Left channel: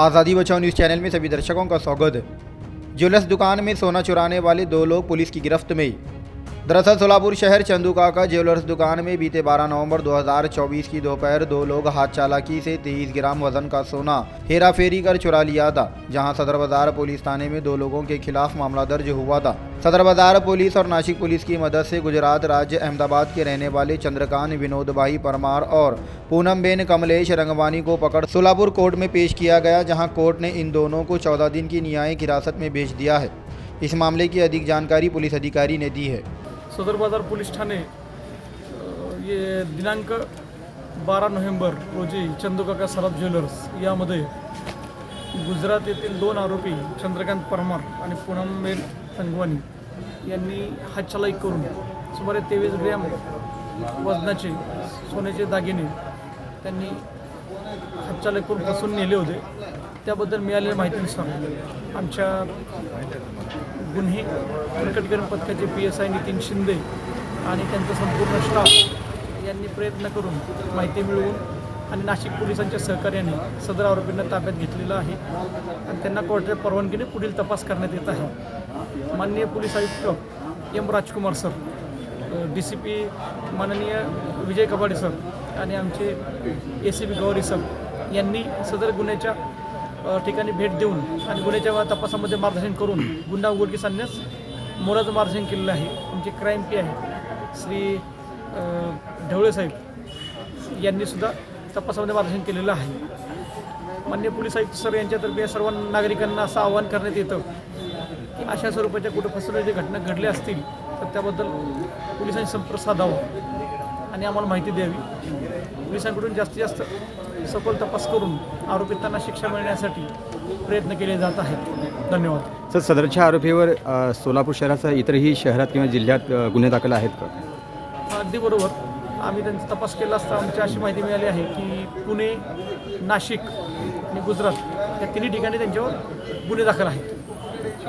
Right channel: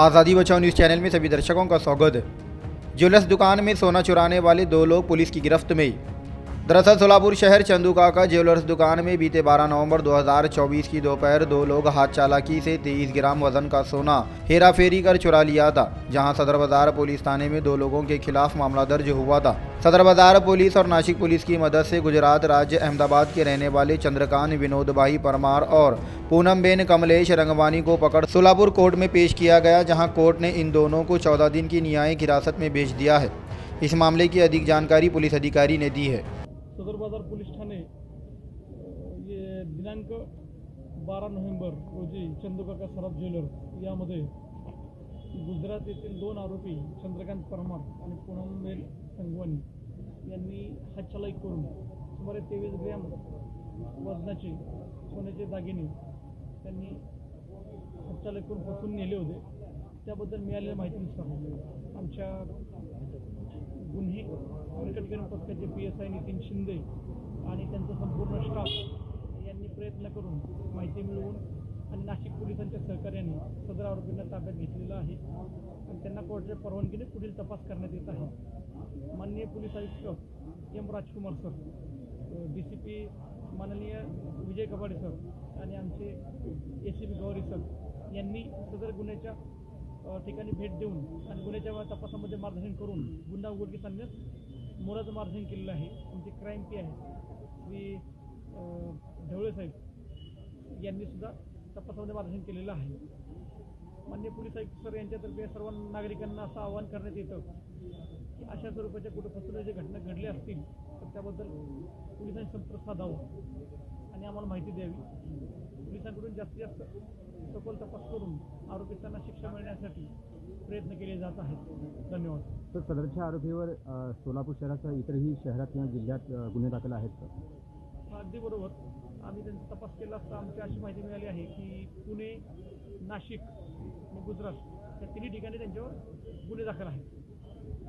आज़ादी बचाओ news channel में सभी दर्शकों का स्वागत है। ज्वेलर्स दुकान में सोना चुराने वाले दो लोग पुलिस की गिरफ्त में। दरअसल सोलापुर शहर चंदूकाका ज्वेलर्स दुकान में बीते 12 नवंबर 2024 की दोपहर दो लोग हाथ चालाकी से 23 ग्राम वजन का सोना हेरा फेरी कर चुरा लिया था, जहां सदर बाजार पुलिस थाने में दो लोगों के खिलाफ मामला दर्ज हुआ था। सदर बाजार पुलिस और नासिक पुलिस की मदद से गुजरात राज्य अहमदाबाद के रहने वाले चंद्रकांत विनोद भाई परमार और पूनमबेन कमलेश रंगवानी को पकड़ सोलापुर कोर्ट में पेश किया गया, जहां कोर्ट ने इन दोनों को 14 दिन की न्यायिक हिरासत में भेज दिया है। इस मामले की अधिक जानकारी पुलिस अधिकारी ने दी है। सदर बाजार पोलीस ठाणे ये दिनांक 12 नोव्हेंबर रोजी चंदूकाका सराफ ज्वेलर्स यामध्ये गुजरात येथील दोन आरोपी चंद्रकांत परमार आणि पूनमबेन रंगवानी यांनी हातचलाकी करून सुमारे 23 ग्रॅम वजनाचे सोन्याचे दागिने त्यांनी हातचलाकी करून फसवून नेले होते। त्याबद्दल मिळालेल्या माहितीनुसार आमच्या गुन्हे प्रकटीकरण पथकाचे PSI नितीन शिंदे आणि त्यांचा संपूर्ण स्टाफ यांनी प्रयत्न करून माहिती मिळवून आणि नाशिक पोलिसांच्या सहकार्याने सदर आरोपींना ताब्यात घेतलेलं आहे आणि त्यांना कोर्टाच्या परवानगीने पुढील तपास करण्यात येत आहे। माननीय पोलीस आयुक्त M राजकुमार सर, DCP माननीय विजय कबाडे सर आणि आमचे ACP गौरी सर यांनी सदर गुन्ह्याच्या ठिकाणी भेट देऊन आणि गुन्ह्याच्या तपासामध्ये मार्गदर्शन करून गुन्हा उघडकीस आणण्यास मोलाचं मार्गदर्शन केलेलं आहे। आमचे क्राईम पी आहे श्री ढवळे साहेब यांनी सुद्धा तपासामध्ये मार्गदर्शन केलेलं आहे। माननीय पोलीस आयुक्त सर यांच्यातर्फे सर्व नागरिकांना असं आवाहन करण्यात येतं की अशा स्वरूपाच्या कुठं फसवण्याच्या घटना घडल्या असतील तर त्याबद्दल पोलिसांनी संपर्क साधावा आणि आम्हाला माहिती द्यावी। पोलिसांकडून जास्तीत जास्त सखोल तपास करून आरोपितांना शिक्षा मिळण्यासाठी प्रयत्न केले जात आहेत। धन्यवाद। सर, सदरच्या आरोपीवर सोलापूर शहरासह इतरही शहरात किंवा जिल्ह्यात गुन्हे दाखल आहेत का? अगदी बरोबर। आम्ही त्यांचा तपास केला असता आमची अशी माहिती मिळाली आहे की पुणे, नाशिक आणि गुजरात या तिन्ही ठिकाणी त्यांच्यावर गुन्हे दाखल आहेत।